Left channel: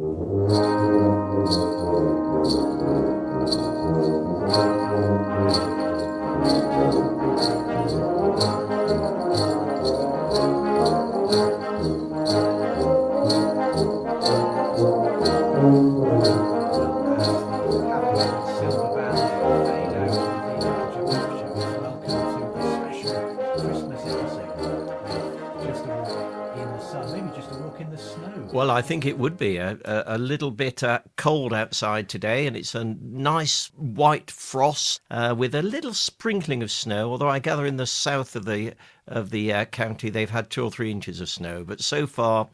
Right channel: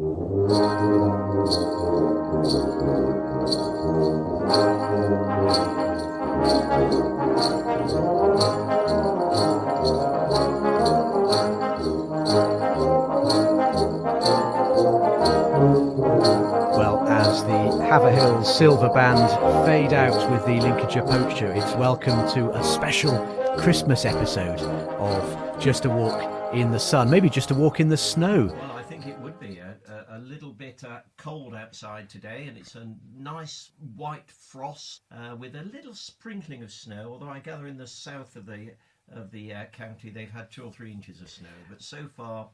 Well, as the Haverhill Silver Band fade out with the Lincolnshire Poacher, it's welcome to a special Christmas episode of Just a Walk in the Sun, maybe just a walk in the snow. Well, I think it would be a little bit cold outside today, and it's a nice white frost with a little sprinkling of snow, although I gather in the south of the county they've had 2 or 3 inches of snow, but so far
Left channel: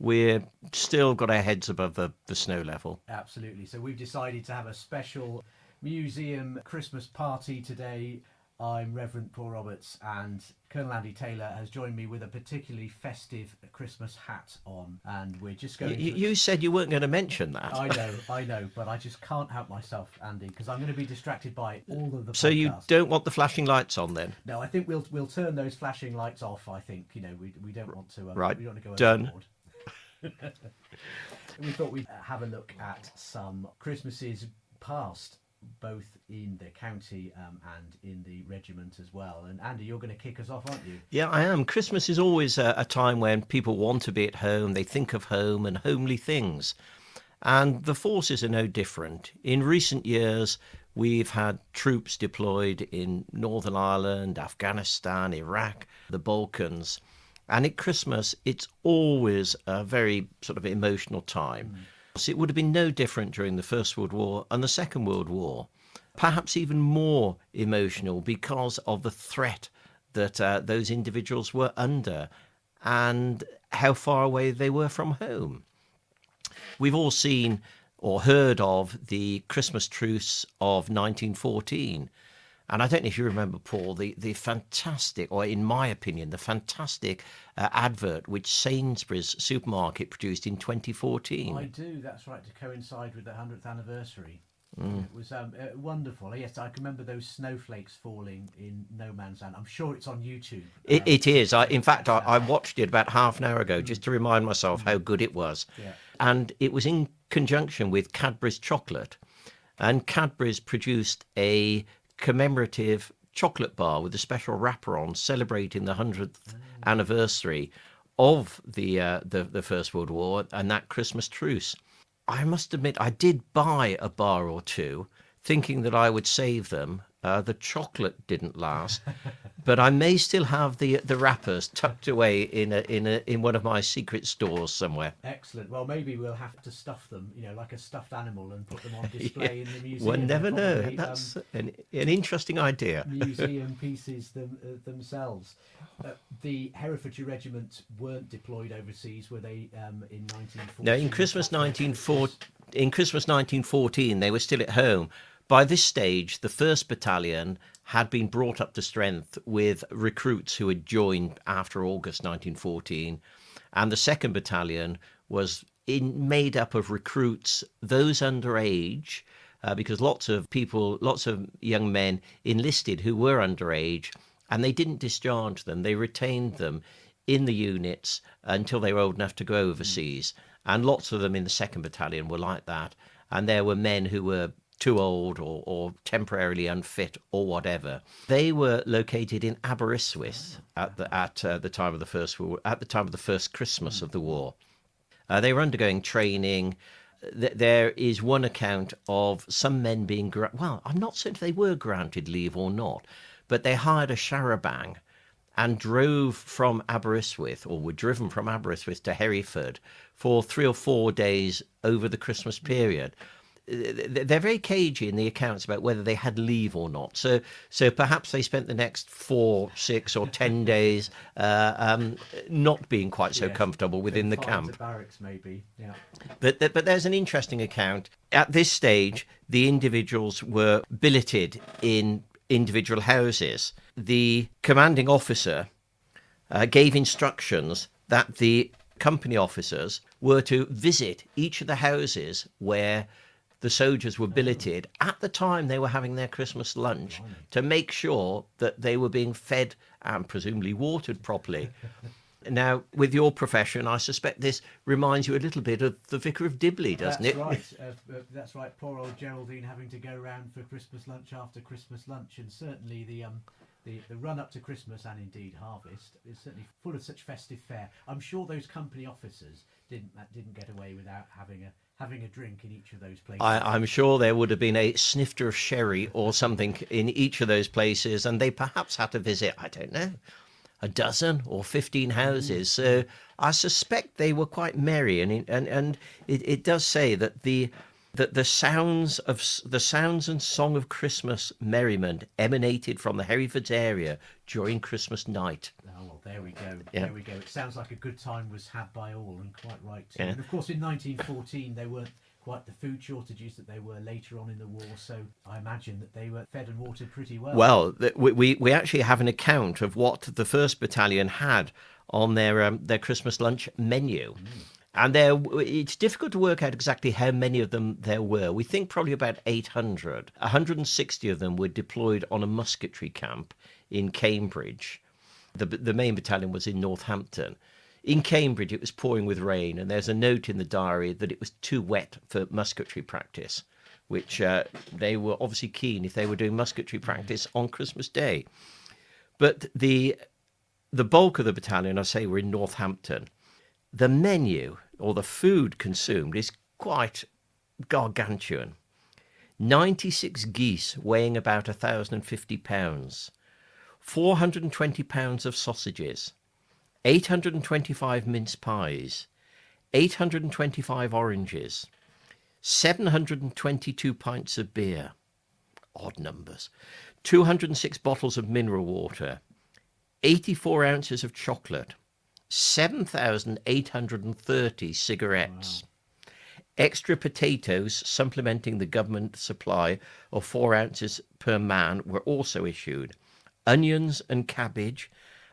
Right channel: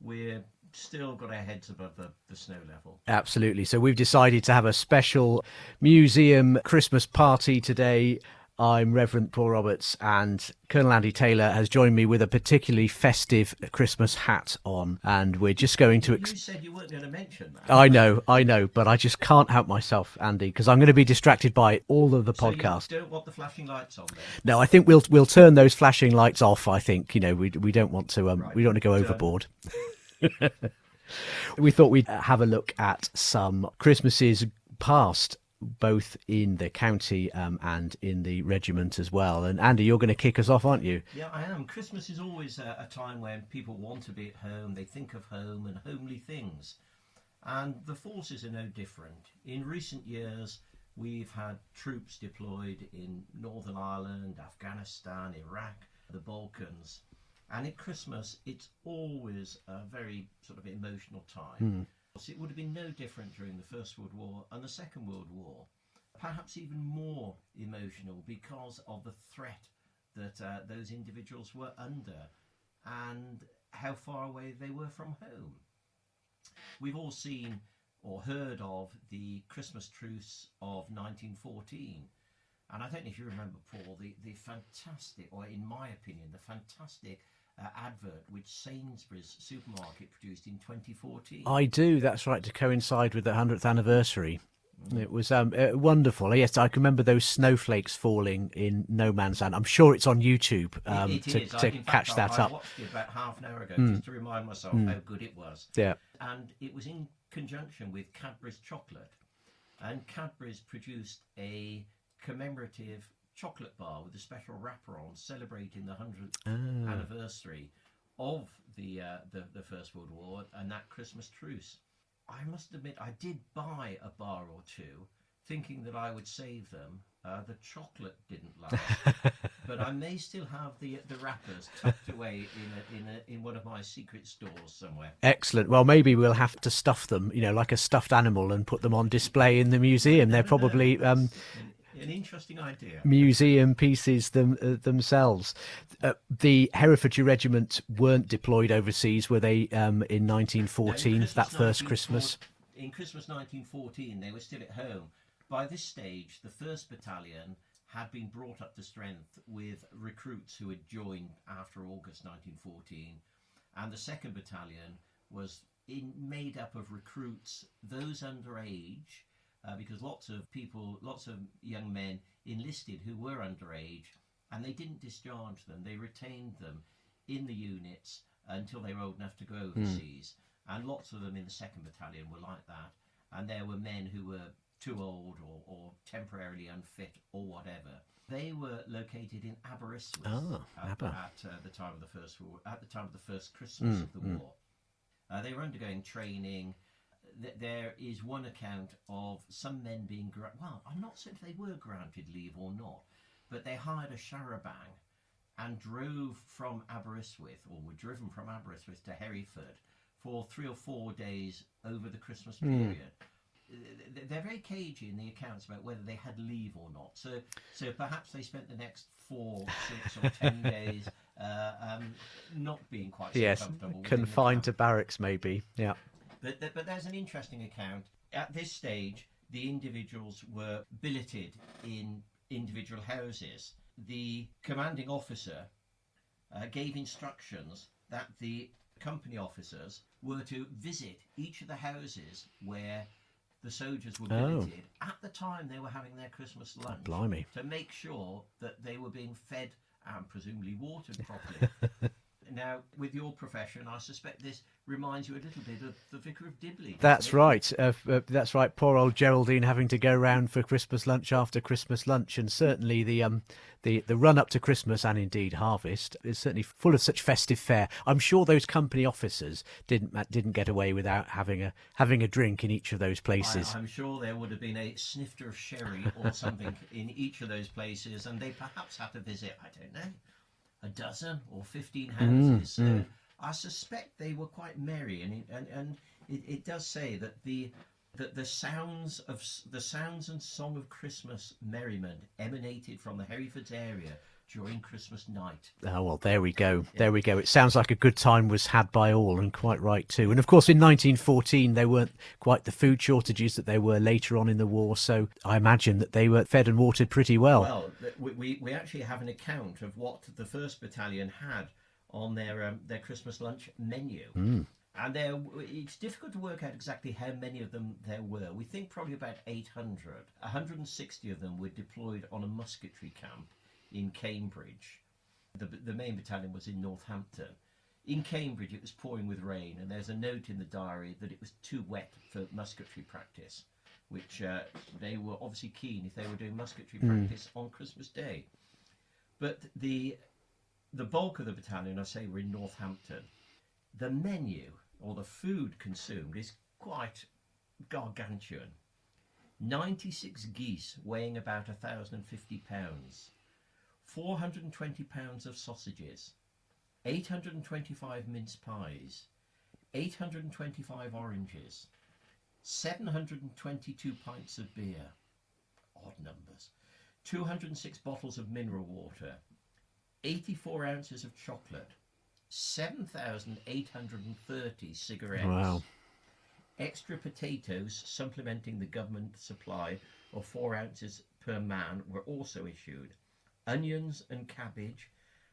we're still got our heads above the snow level. Absolutely. So we've decided to have a special museum Christmas party today. I'm Reverend Paul Roberts, and Colonel Andy Taylor has joined me with a particularly festive Christmas hat on, and we're just going to... You said you weren't going to mention that. I know, but I just can't help myself, Andy, because I'm going to be distracted by all of the So podcast. you don't want the flashing lights on then? No, I think we'll turn those flashing lights off. I think, we don't want to Right. we don't want to go Done. overboard. We thought we'd have a look at some Christmases past, both in the county and in the regiment as well. And Andy, you're going to kick us off, aren't you? Yeah, I am. Christmas is always a time when people want to be at home. They think of home and homely things. And the forces are no different. In recent years, we've had troops deployed in Northern Ireland, Afghanistan, Iraq, the Balkans. And at Christmas, it's always a very sort of emotional time. So it would have been no different during the First World War and the Second World War. Perhaps even more emotional because of the threat that those individuals were under and how far away they were from home. We've all seen or heard of the Christmas truce of 1914. And I don't know if you remember, Paul, the fantastic, or in my opinion, the fantastic advert which Sainsbury's supermarket produced in 2014. I do, that's right, to coincide with the 100th anniversary. It was wonderful. Yes, I can remember those snowflakes falling in no man's land. I'm sure it's on YouTube. It is. In fact, I up. watched it about half an hour ago just to remind myself how good it was. Yeah. And it was in conjunction with Cadbury's chocolate. And Cadbury's produced a commemorative chocolate bar with a special wrapper on, celebrating the 100th anniversary of the First World War and that Christmas truce. I must admit, I did buy a bar or two, thinking that I would save them. The chocolate didn't last, but I may still have the wrappers tucked away in one of my secret stores somewhere. Excellent. Well, maybe we'll have to stuff them, like a stuffed animal, and put them on display in the museum. They're probably an interesting idea. museum pieces themselves. The Herefordshire Regiment weren't deployed overseas, were they? In 1914. No, in Christmas 1914, they were still at home. By this stage, the 1st Battalion had been brought up to strength with recruits who had joined after August 1914, and the 2nd Battalion was made up of recruits, those underage, because lots of young men enlisted who were underage, and they didn't discharge them. They retained them in the units until they were old enough to go overseas, and lots of them in the 2nd Battalion were like that, and there were men who were too old or temporarily unfit or whatever. They were located in Aberystwyth at the time of the first Christmas of the war. They were undergoing training. There is one account of some men being I'm not certain if they were granted leave or not, but they hired a charabanc and drove from Aberystwyth, or were driven from Aberystwyth to Hereford for 3 or 4 days over the Christmas period. They're very cagey in the accounts about whether they had leave or not. So perhaps they spent the next 4, 6 or 10 days not being quite so comfortable within the camp. Confined to barracks, maybe. Yeah. But there's an interesting account. At this stage, the individuals were billeted in individual houses. The commanding officer gave instructions that the company officers were to visit each of the houses where the soldiers were billeted at the time they were having their Christmas lunch. Blimey. To make sure that they were being fed and presumably watered properly. Now, with your profession, I suspect this reminds you a little bit of the Vicar of Dibley, doesn't it? That's right. Poor old Geraldine having to go round for Christmas lunch after Christmas lunch, and certainly the run up to Christmas and indeed harvest is certainly full of such festive fare. I'm sure those company officers didn't get away without having a drink in each of those places. I'm sure there would have been a snifter of sherry or something in each of those places, and they perhaps had to visit, I don't know, a dozen or 15 houses. So I suspect they were quite merry, and it does say that the sounds and song of Christmas merriment emanated from the Hereford's area during Christmas night. Oh, well, there we go. Yeah. There we go. It sounds like a good time was had by all, and quite right too. Yeah. And of course, in 1914, there weren't quite the food shortages that they were later on in the war. So I imagine that they were fed and watered pretty well. Well, we actually have an account of what the 1st Battalion had on their Christmas lunch menu. And it's difficult to work out exactly how many of them there were. We think probably about 800. 160 of them were deployed on a musketry camp in Cambridge. The main battalion was in Northampton. In Cambridge, it was pouring with rain, and there's a note in the diary that it was too wet for musketry practice, which they were obviously keen if they were doing musketry practice on Christmas Day. But the bulk of the battalion, I say, were in Northampton. The menu, or the food consumed, is quite gargantuan. 96 geese weighing about 1,050 pounds, 420 pounds of sausages, 825 mince pies, 825 oranges, 722 pints of beer, odd numbers, 206 bottles of mineral water, 84 ounces of chocolate, 7,830 cigarettes. Wow. Extra potatoes supplementing the government supply of 4 ounces per man were also issued. Onions and cabbage.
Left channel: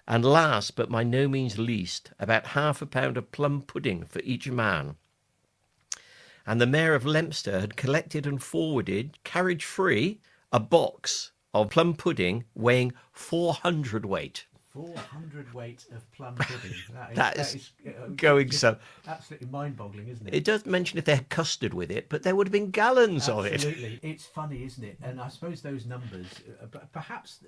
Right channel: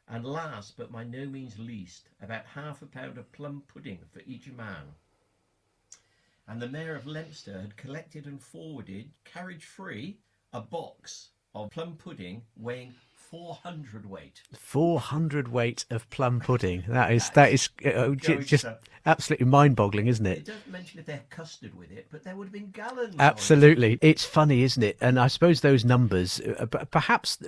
And last, but by no means least, about half a pound of plum pudding for each man. And the Mayor of Leominster had collected and forwarded, carriage free, a box of plum pudding weighing 400 weight. 400 weight of plum pudding. That is just absolutely mind-boggling, isn't it? It does mention if they had custard with it, but there would have been gallons of it. Absolutely. It's funny, isn't it? And I suppose those numbers, perhaps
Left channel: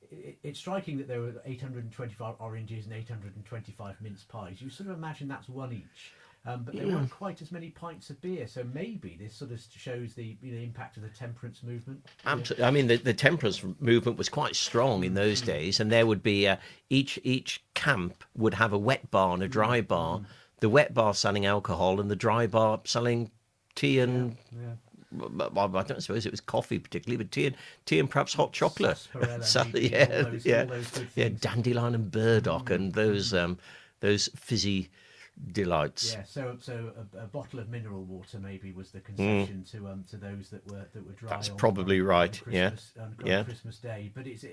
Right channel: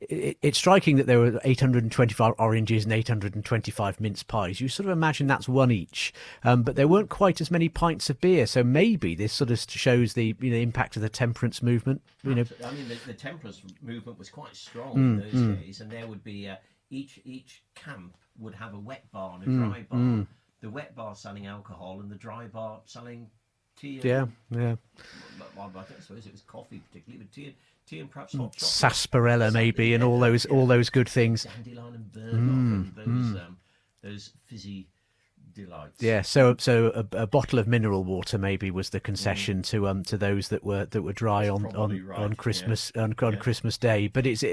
it's striking that there were 825 oranges and 825 mince pies. You sort of imagine that's one each, but there weren't quite as many pints of beer. So maybe this sort of shows the impact of the temperance movement. Absolutely. I mean, the temperance movement was quite strong in those days, and there would be each camp would have a wet bar and a dry bar. The wet bar selling alcohol and the dry bar selling tea and I don't suppose it was coffee particularly, but tea and perhaps hot chocolate, sarsaparilla maybe, and all those good things, dandelion and burdock, and those fizzy delights. Yeah, so a bottle of mineral water maybe was the concession to those that were dry. That's on Christmas on Christmas Day. But it's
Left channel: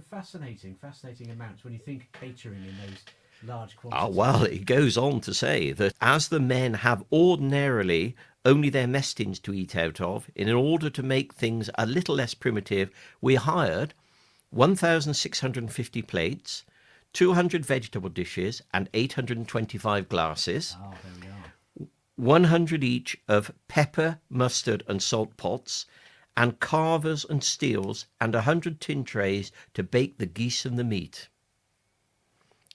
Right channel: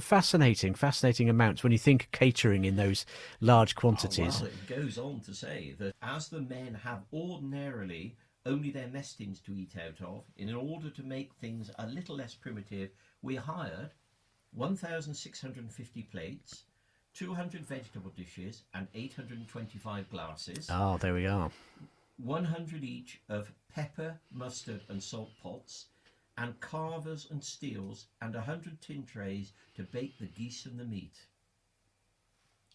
fascinating amounts when you think catering in those large quantities. Well, it goes on to say that as the men have ordinarily only their mess tins to eat out of, in order to make things a little less primitive, we hired 1,650 plates, 200 vegetable dishes, and 825 glasses. Oh, there we are. 100 each of pepper, mustard, and salt pots, and carvers and steels, and 100 tin trays to bake the geese and the meat.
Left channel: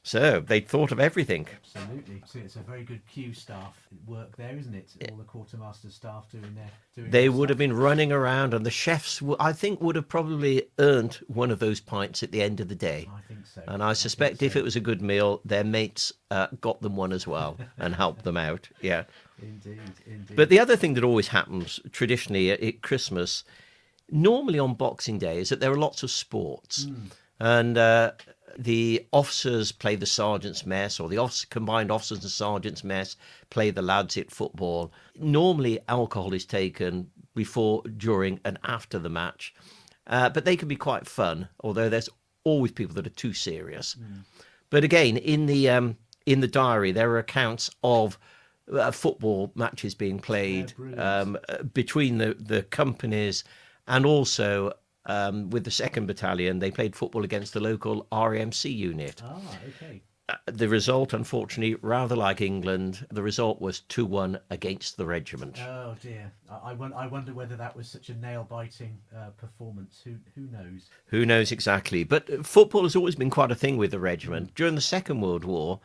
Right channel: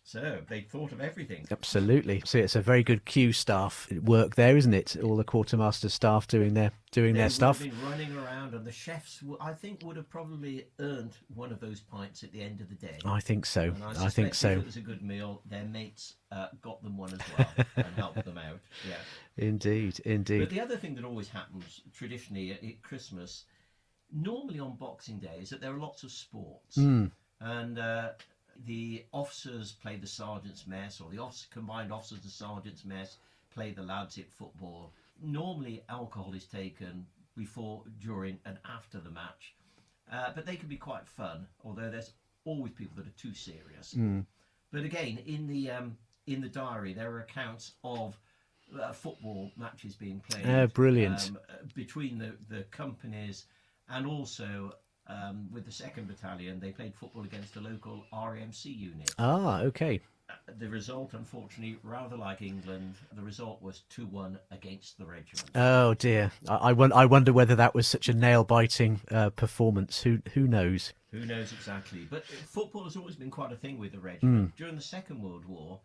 So they thought of everything. Absolutely. So it's a very good queue staff work there, isn't it? All the quartermaster staff doing their stuff. They would have been running around, and the chefs, I think, would have probably earned one of those pints at the end of the day. I think so. And I suspect if it was a good meal, their mates got them one as well and helped them out. Yeah. Indeed. But the other thing that always happens traditionally at Christmas, normally on Boxing Day, is that there are lots of sports. And the officers play the sergeant's mess, or the combined officers and sergeant's mess play the lads at football. Normally, alcohol is taken before, during, and after the match, but they can be quite fun. Although there's always people that are too serious. But again, in the diary, there are accounts of football matches being played, brilliant, between the companies, and also. With the 2nd Battalion, they played football against the local RAMC unit. Ah, okay. The result, unfortunately, rather like England, the result was 2-1 against the regiment. Oh dear. I wonder whether that was such a nail-biting performance. Who knows? Who knows exactly? But football has always been quite a thing with the regiment. During the Second World War,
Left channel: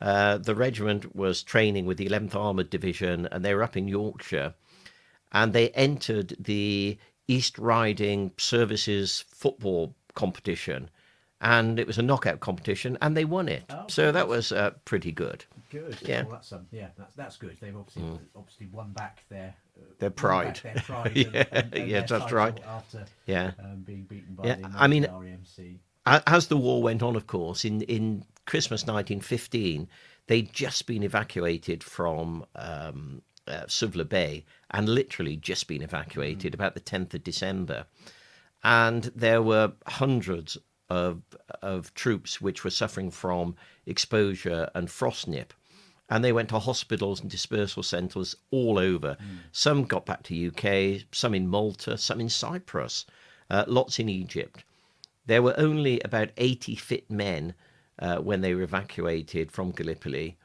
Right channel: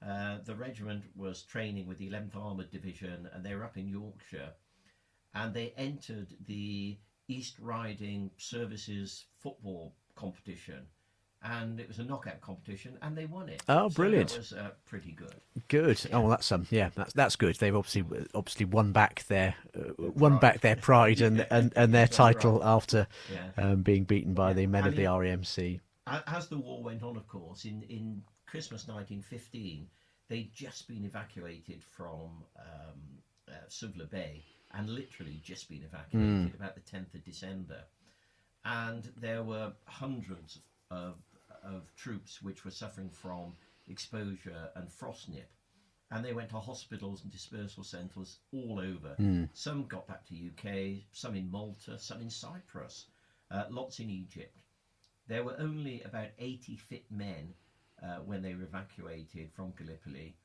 the regiment was training with the 11th Armoured Division, and they were up in Yorkshire, and they entered the East Riding Services football competition, and it was a knockout competition, and they won it. Oh, so that brilliant. was pretty good. Good. Yeah. Oh, well, that's good. They've obviously won back their pride. pride and Yeah, their that's title right. after Yeah. being beaten by Yeah, the men I of mean, the REMC. As the war went on, of course, in Christmas 1915, they'd just been evacuated from Suvla Bay, and literally just been evacuated about the 10th of December. And there were hundreds of troops which were suffering from exposure and frostnip. And they went to hospitals and dispersal centres all over. Some got back to UK, some in Malta, some in Cyprus, lots in Egypt. There were only about 80 fit men when they were evacuated from Gallipoli.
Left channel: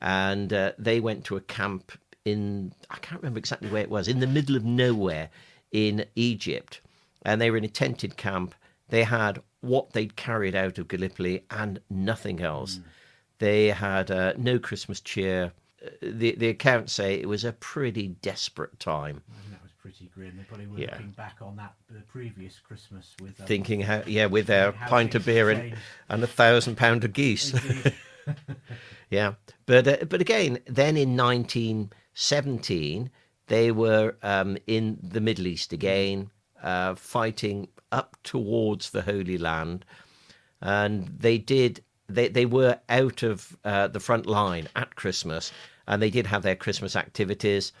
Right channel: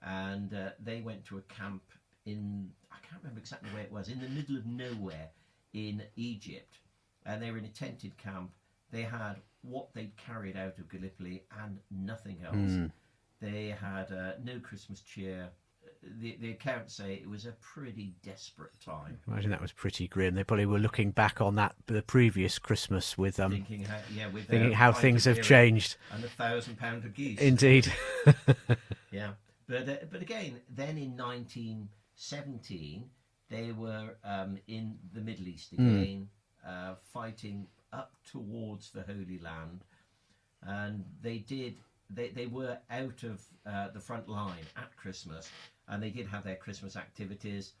And they went to a camp I can't remember exactly where it was, in the middle of nowhere in Egypt. And they were in a tented camp. They had what they'd carried out of Gallipoli and nothing else. They had no Christmas cheer. The accounts say it was a pretty desperate time. I imagine that was pretty grim. They probably were looking back on the previous Christmas with Thinking with their how pint things of have beer changed. and 1,000 pound of geese. Indeed. Yeah, but again, then in 1917, they were in the Middle East again, fighting up towards the Holy Land, and they were out of the front line at Christmas, and they did have their Christmas activities.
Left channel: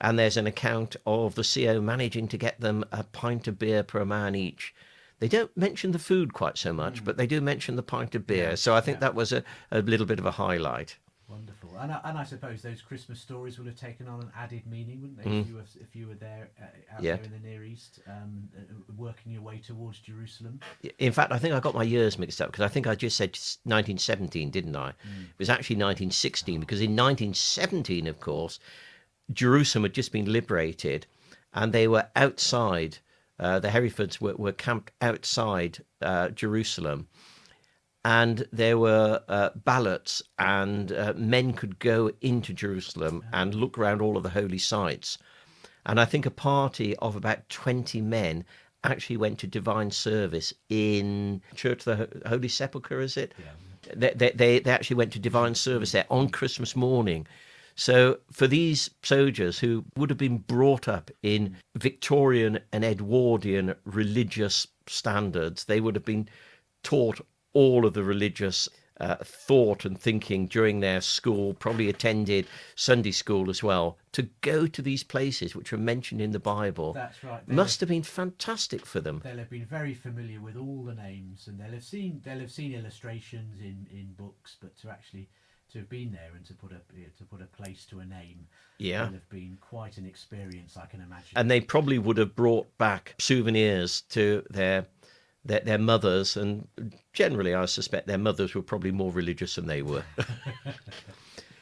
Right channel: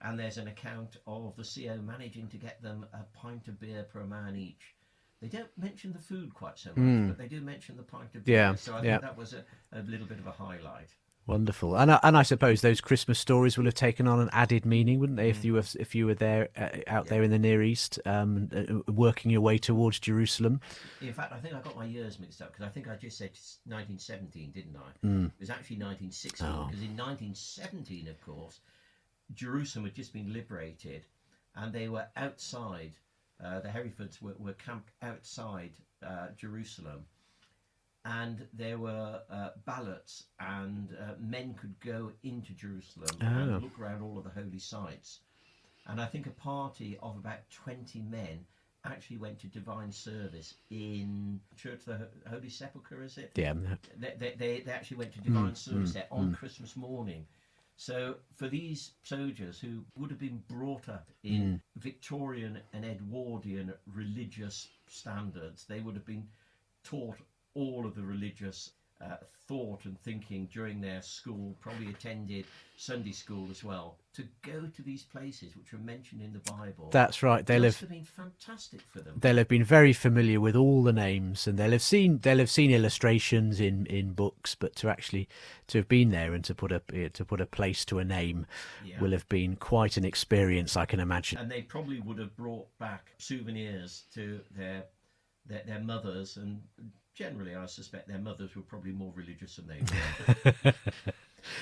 And there's an account of the CO managing to get them a pint of beer per man each. They don't mention the food quite so much, but they do mention the pint of beer. Yeah, So I think yeah. that was a little bit of a highlight. Wonderful, and I suppose those Christmas stories will have taken on an added meaning, wouldn't they? If you were there out there in the Near East, working your way towards Jerusalem. In fact, I think I got my years mixed up, because I think I just said 1917, didn't I? It was actually 1916, because in 1917, of course, Jerusalem had just been liberated, and they were outside. The Herefords were camped outside Jerusalem. And there were ballots, and men could go into Jerusalem and look around all of the holy sites. And I think a party of about 20 men actually went to divine service in Church of the Holy Sepulchre, is it? Yeah. They actually went to divine service there on Christmas morning. So for these soldiers who would have been brought up in Victorian and Edwardian religious standards, they would have been taught all of the religious thought and thinking during their school, probably attended Sunday school as well, to go to these places which are mentioned in the Bible. That's right. Must have been fantastic for them. They'll have been very familiar with all the names, and they'll have seen illustrations in books, but to have been there and to put a place to a name will have been quite an experience, I can imagine. And they probably would have brought back souvenirs to their mothers, and generally I suspect their mothers were probably more religious than they were.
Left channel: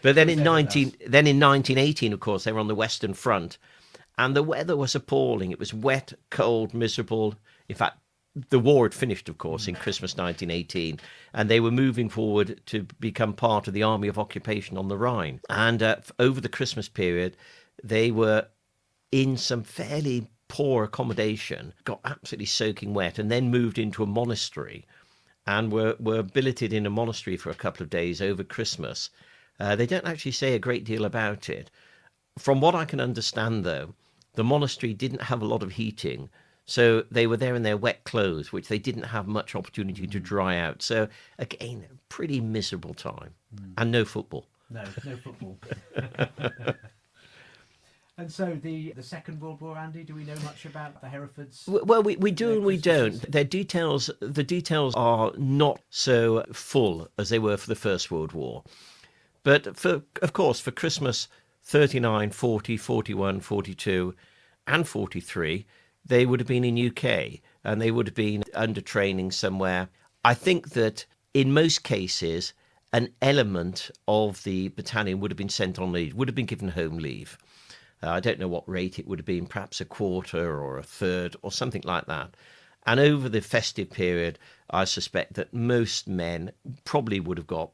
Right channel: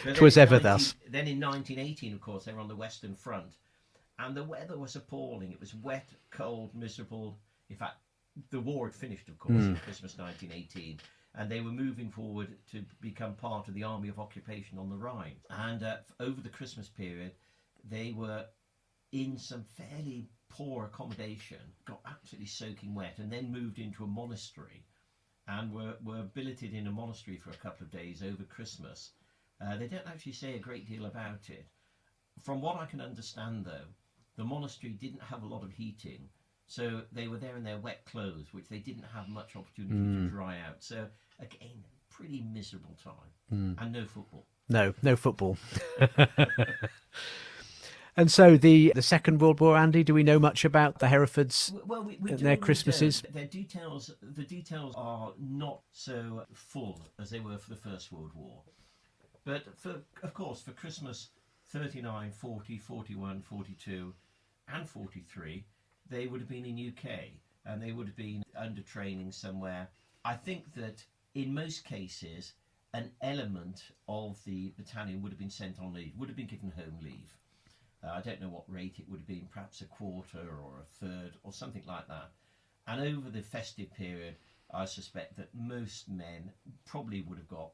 But then in 1918, of course, they were on the Western Front, and the weather was appalling. It was wet, cold, miserable. In fact, the war had finished, of course, in Christmas 1918, and they were moving forward to become part of the Army of Occupation on the Rhine. And over the Christmas period, they were in some fairly poor accommodation, got absolutely soaking wet, and then moved into a monastery, and were billeted in a monastery for a couple of days over Christmas. They don't actually say a great deal about it. From what I can understand, though, the monastery didn't have a lot of heating, so they were there in their wet clothes, which they didn't have much opportunity to dry out. So, again, a pretty miserable time. And no football. No football. And so the Second World War, Andy, do we know much about the Herefords? Well, we do and we Christmases? don't. The details are not so full as they were for the First World War. But, of course, for Christmas 39, 40, 41, 42 and 43, they would have been in UK, and they would have been under training somewhere. I think that in most cases, an element of the battalion would have been sent on leave, would have been given home leave. I don't know what rate it would have been, perhaps a quarter or a third or something like that. And over the festive period, I suspect that most men probably would have got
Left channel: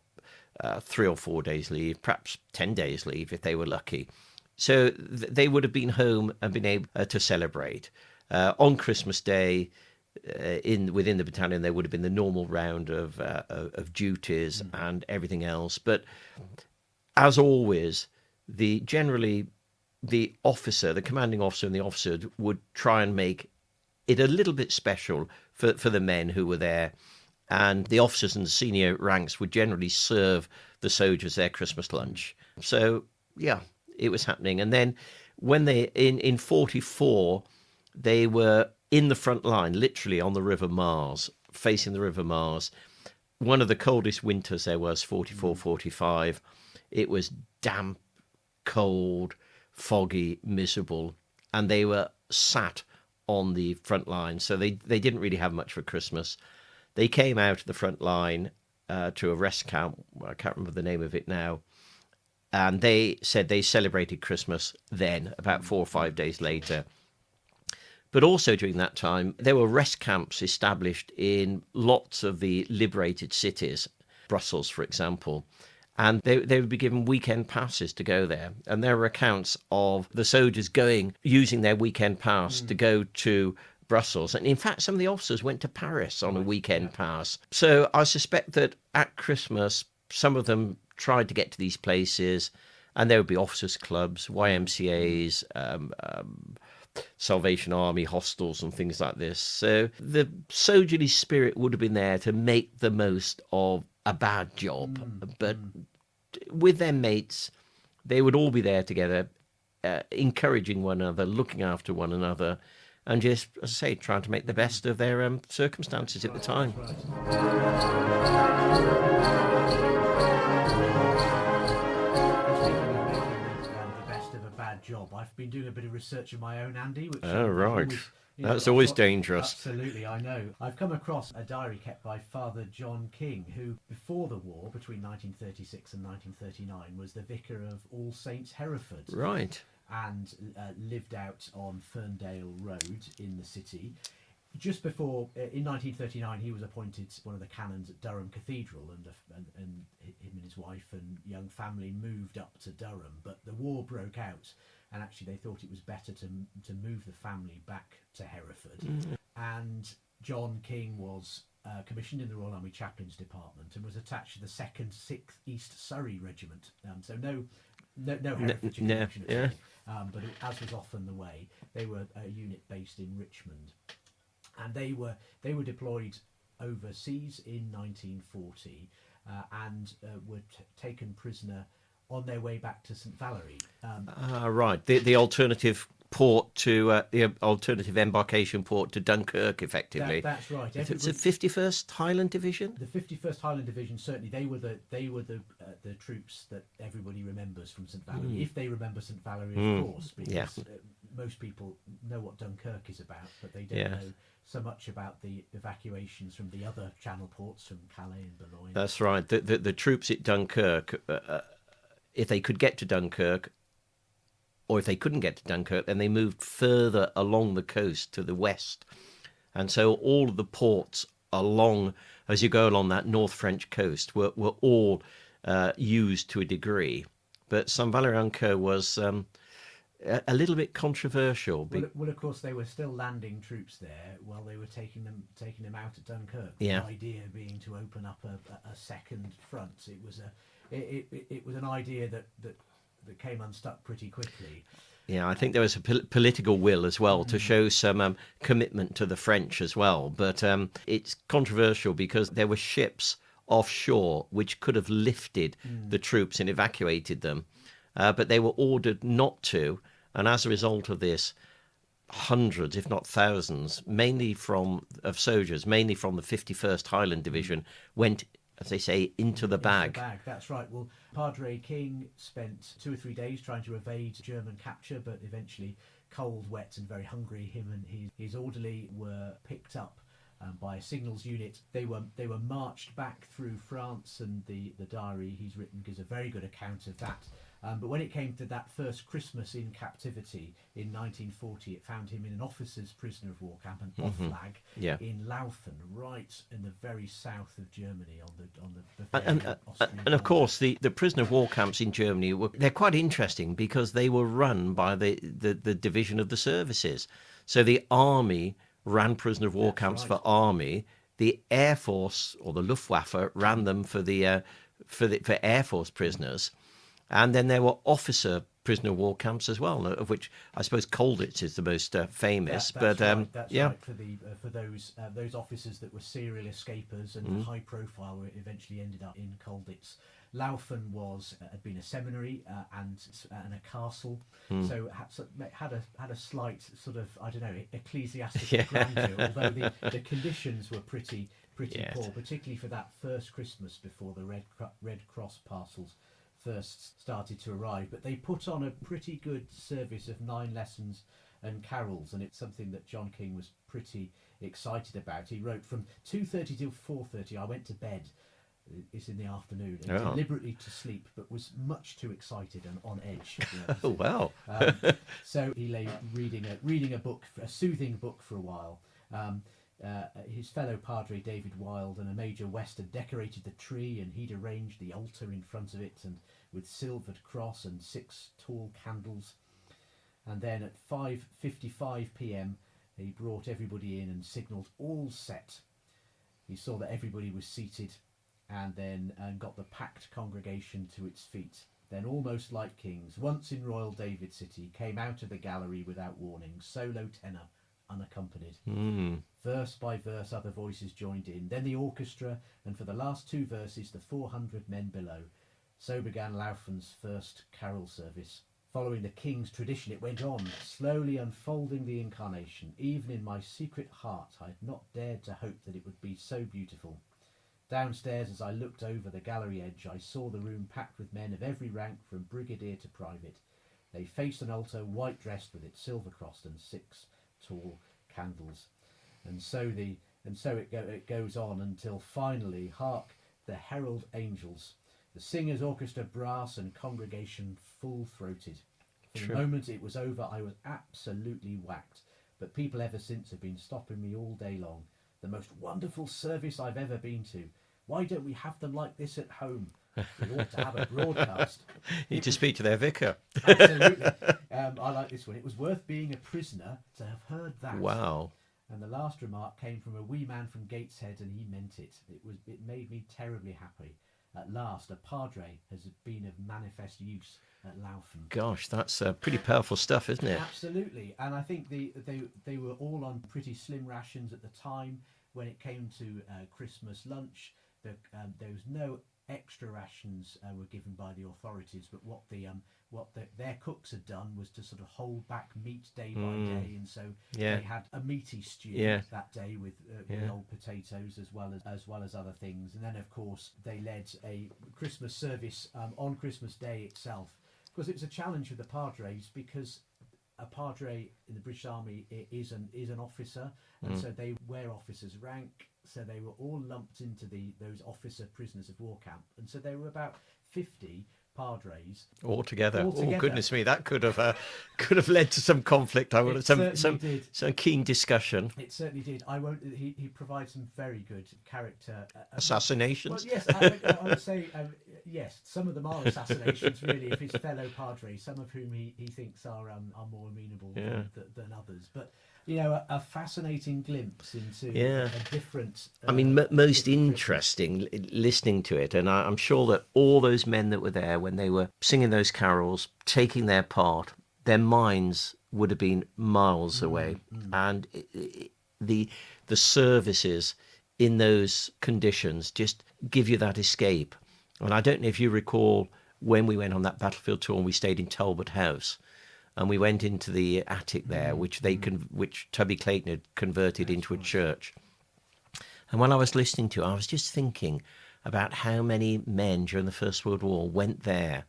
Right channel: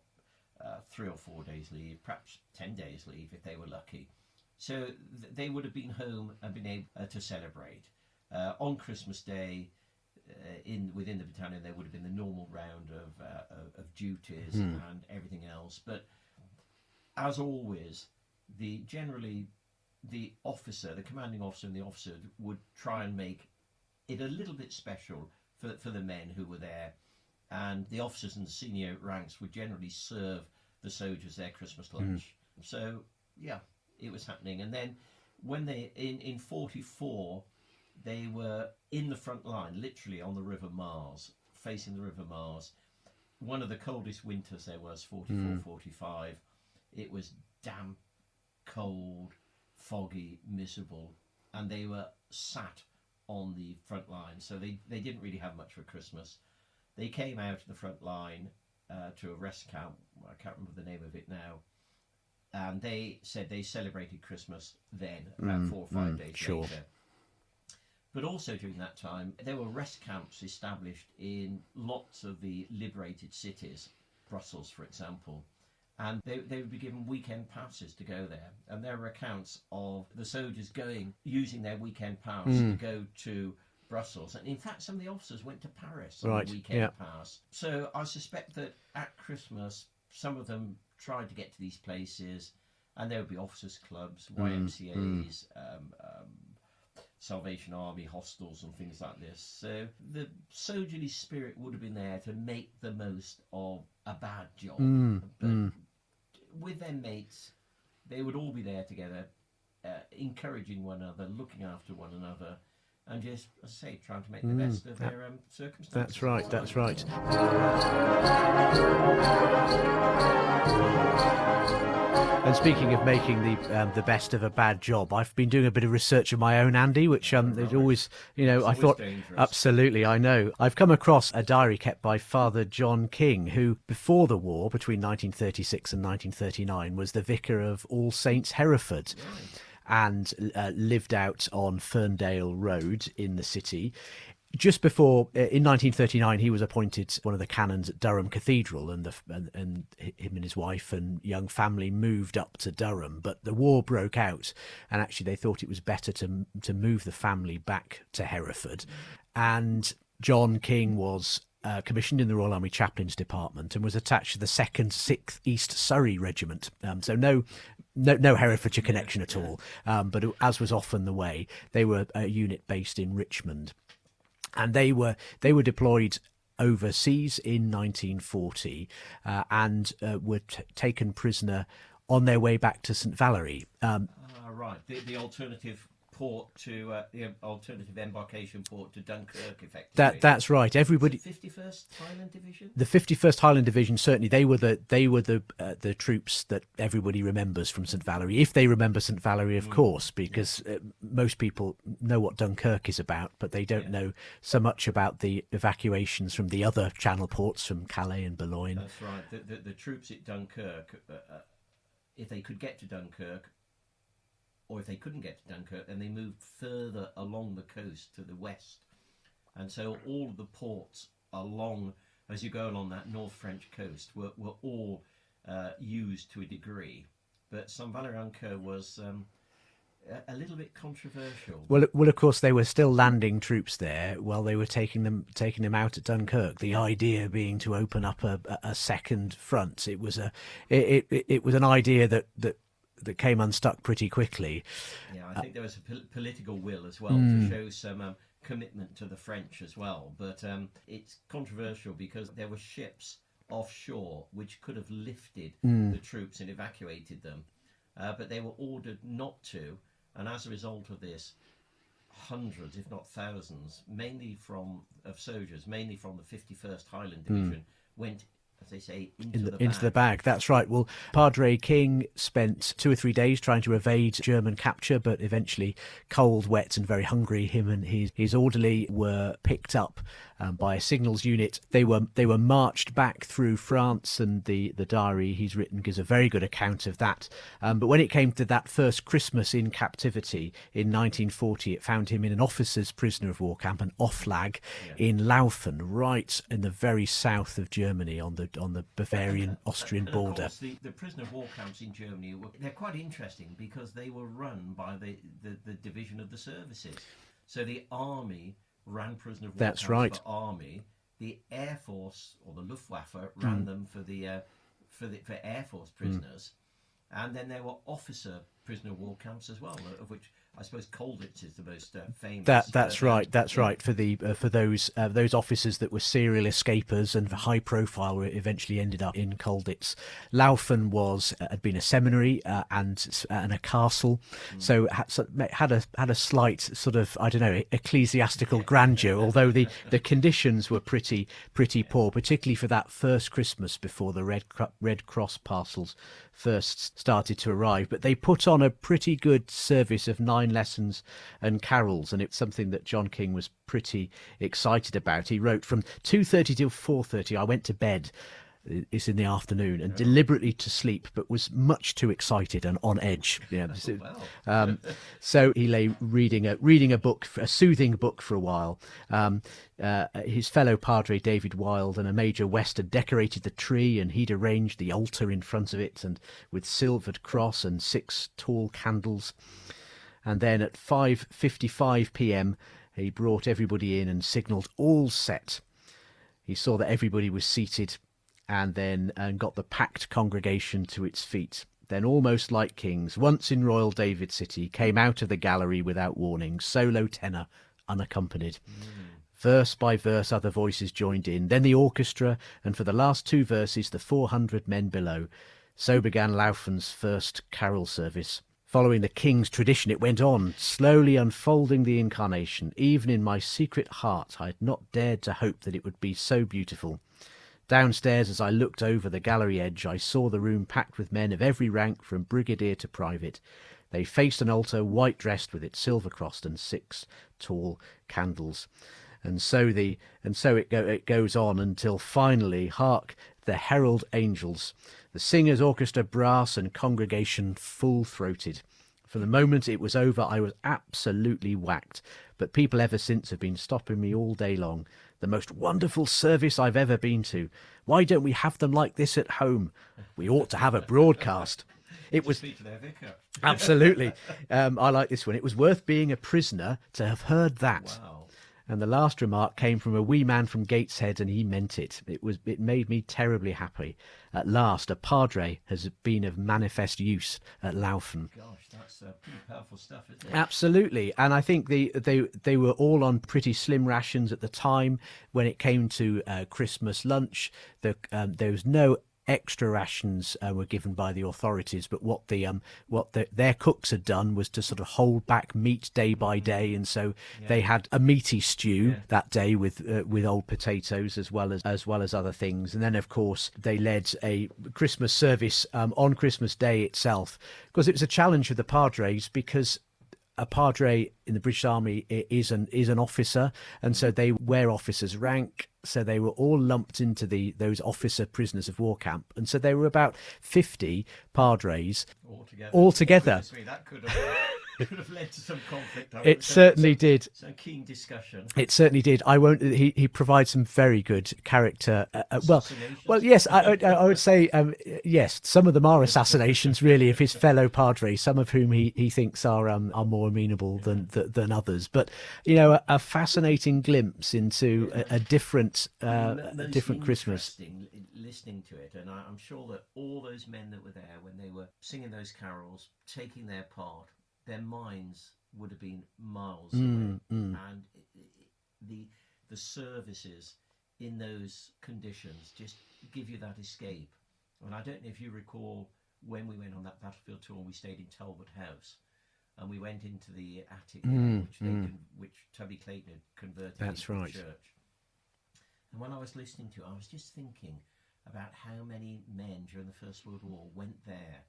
3 or 4 days leave, perhaps 10 days leave if they were lucky. So they would have been home and been able to celebrate. On Christmas Day, within the battalion, there would have been the normal round of duties and everything else. But as always, generally the officer, the commanding officer and the officer would try and make it a little bit special for the men who were there. And the officers and the senior ranks would generally serve the soldiers their Christmas lunch. So, yeah, it was happening. And then when in 44, they were in the front line, literally on the River Maas, facing the River Maas. One of the coldest winters there was, 44, 45. It was damp, cold, foggy, miserable. And they were sat on the front line. So they didn't really have much for Christmas. They came out of the front line to a rest camp. I can't remember the name of it now. And they said they celebrated Christmas then, about 4 or 5 days later. But also during that time, there were rest camps established in lots of the liberated cities, Brussels, for example. And they would be given weekend passes to go there. And there were accounts of the soldiers using their weekend pass to go to Brussels. And in fact, some of the officers went to Paris on a weekend pass. So I suspect that at Christmas, some of them tried to get to these places, and there would be officers' clubs, YMCAs, Salvation Army hostels and things like this. So the soldierly spirit would have been there to make the most of a bad job. But with their mates, they would all be there together, encouraging one another, looking after one another, and just, as I say, trying to make the best of their circumstances at the time. That's right. And speaking of making the best of a bad job, I've been doing a bit of research of my own, Andy, which I've always, that's always dangerous. Absolutely, I know. I've come across a diary kept by Father John King, who, before the war, between 1936 and 1939, was the Vicar of All Saints, Hereford. Right. And lived out on Ferndale Road in the city. Just before, in 1939, he was appointed one of the canons at Durham Cathedral, and him and his wife and young family moved up to Durham. But the war broke out, and actually they thought it was better to move the family back to Hereford. And John King was commissioned in the Royal Army Chaplains Department and was attached to the 2nd 6th East Surrey Regiment. So no Herefordshire connection at all. But as was often the way, they were a unit based in Richmond. And they were deployed overseas in 1940 and were taken prisoner on their way back to St Valery. Right, the alternative port to the alternative embarkation port to Dunkirk, effectively. That's right. Everybody. It's the 51st Highland Division. The 51st Highland Division, certainly they were the troops that everybody remembers from St Valery, if they remember St Valery, of course, because most people know what Dunkirk is about, but they don't know so much about the evacuations from the other channel ports, from Calais and Boulogne. That's right. The troops at Dunkirk, if they could get to Dunkirk, or if they couldn't get to Dunkirk, then they moved further along the coast to the west. And so all of the ports as you go along that North French coast, were all used to a degree. But St Valery was a little bit controversial. Well, of course, they were still landing troops there while they were taking them out at Dunkirk. The idea being to open up a second front. It was an idea that came unstuck pretty quickly. Yeah, I think there was a political will as well to show some commitment to the French as well. But it's controversial because there were ships offshore which could have lifted the troops and evacuated them. But they were ordered not to. And as a result of this, hundreds, if not thousands, of soldiers, mainly from the 51st Highland Division, went, as they say, into the bag. Into the bag, that's right. Well, Padre King spent 2 or 3 days trying to evade German capture, but eventually, cold, wet and very hungry, him and his orderly were picked up by a signals unit. They were marched back through France, and the diary he's written gives a very good account of that. But when it came to that first Christmas in captivity in 1940, it found him in an officer's prisoner of war camp, an Oflag in Laufen, right in the very south of Germany on the Bavarian Austrian and border. of course, the prisoner of war camps in Germany they're quite interesting because they were run by the division of the services. So the army ran prisoner of war That's camps right. for army. The Air Force or the Luftwaffe ran them for Air Force prisoners, and then there were officer prisoner of war camps as well, of which I suppose Colditz is the most famous. That's right. That's right. For those officers that were serial escapers and high profile, eventually ended up in Colditz. Laufen had been a seminary and a castle, so had a slight sort of, I don't know, ecclesiastical grandeur. Although the conditions were pretty poor, particularly for that first Christmas before the Red Cross parcels first started to arrive. But they put on a pretty good service of 9 lessons and carols, and it's something that John King was pretty excited about. He wrote, from 2:30 till 4:30 I went to bed, it's in the afternoon, and deliberately to sleep, but was much too excited and on edge. Oh, wow. So he lay reading a book, a soothing book, for a while. His fellow Padre David Wilde and a Major West had decorated the tree, and he'd arranged the altar in front of it, and with silvered cross and 6 tall candles. And then at 5:55 p.m. he brought everybody in and signalled all set. He saw that everybody was seated, and then got the packed congregation to its feet. Then, almost like kings, once in royal David City, came out of the gallery without warning, solo tenor, unaccompanied. Verse by verse other voices joined in, then the orchestra, and for the last 2 verses the 400 men below. So began Laufen's first carol service. Following the king's tradition, it went on, slowly unfolding the incarnation. Even in my secret heart I had not dared to hope that it would be so beautiful. Downstairs, as I looked over the gallery edge, I saw the room packed with men of every rank, from brigadier to private. They faced an altar, white-dressed, with its silver-crossed and 6 tall candles. And so it goes on until finally, hark, the herald angels, the singers, orchestra, brass, and congregation full-throated. From the moment it was over, I was absolutely whacked. But people ever since have been stopping me all day long. The most wonderful service I've ever been to. Why don't we have them like this at home? We ought to have a broadcast. It was speak to their vicar. Absolutely. I like this one. It was worth being a prisoner to have heard that. Wow. And the last remark came from a wee man from Gateshead, and he meant it. It made me terribly happy. At last, a padre has been of manifest use at Laufen. Gosh, that's pretty powerful stuff, isn't it? Absolutely. And I think they were all on pretty slim rations at the time. When it came to Christmas lunch, there was no extra rations were given by the authorities, but what their cooks had done was to sort of hold back meat day by day, and so they had a meaty stew that day with old potatoes as well as other things. And then of course they led a Christmas service on Christmas Day itself, because it was a challenge for the padres, because a padre in the British Army is an officer, and so they wear officers' rank. So they were all lumped into those officer prisoners of war camp, and so there were about 50 padres altogether. Oh, goodness me, that could have led to some conflict. It certainly did. Some keen discussion. It certainly did. I won't. He provides some very good character assassinations. Well, yes, I would say yes. Some of them are assassinations, really, of his fellow padres. Some of whom he thinks are more amenable than others. But a fascinating glimpse into a different. Most interesting listening to it, and I'm sure that all those men that were there when they were singing those carols, taking their part, their minds would have been miles away, and the services in those conditions just give you that escape. And I don't know if you recall when we went on that battlefield tour and we stayed in Talbot House, and we went into the attic there, which Tubby Clayton had converted into a church. And when I was listening to it, I was just thinking about how many men during the First World War went there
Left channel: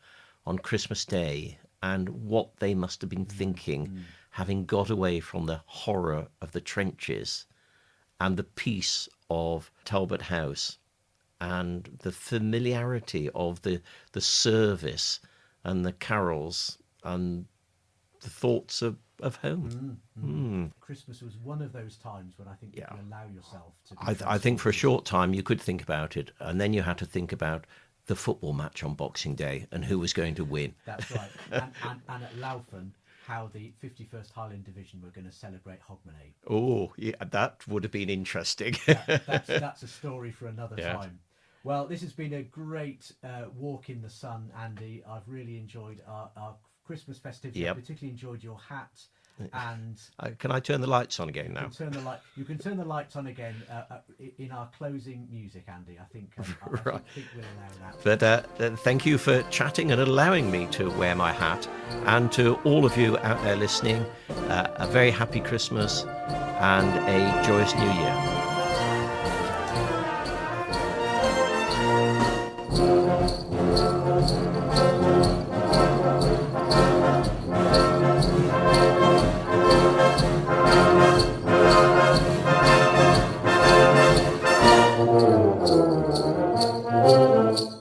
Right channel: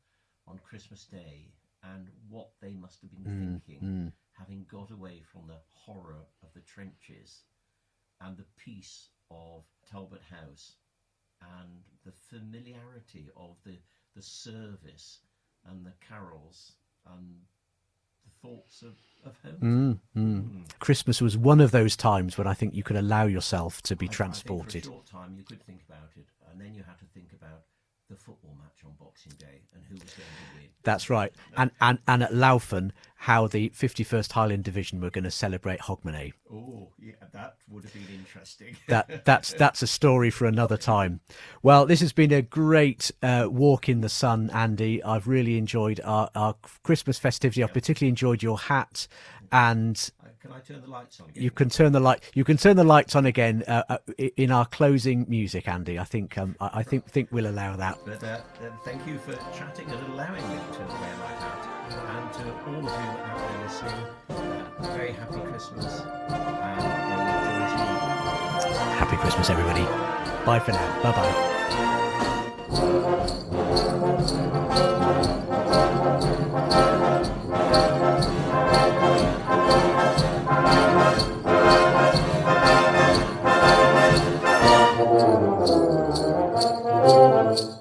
on Christmas Day, and what they must have been thinking, having got away from the horror of the trenches and the peace of Talbot House and the familiarity of the service and the carols and the thoughts of home. Christmas was one of those times when I think you could allow yourself to be transported. I think for a short time you could think about it, and then you had to think about the football match on Boxing Day and who was going to win. That's right. And at Laufen, how the 51st Highland Division were going to celebrate Hogmanay. Oh, yeah, that would have been interesting. That's a story for another time. Well, this has been a great walk in the sun, Andy. I've really enjoyed our Christmas festivity. Yep. I've particularly enjoyed your hat. And can I turn the lights on again? You can turn the lights on again in our closing music, Andy. I think I think we'll allow that. But thank you for chatting and allowing me to wear my hat, and to all of you out there listening, a very happy Christmas and a joyous New Year. Happy Christmas, everybody. Bye for now. Bye-bye.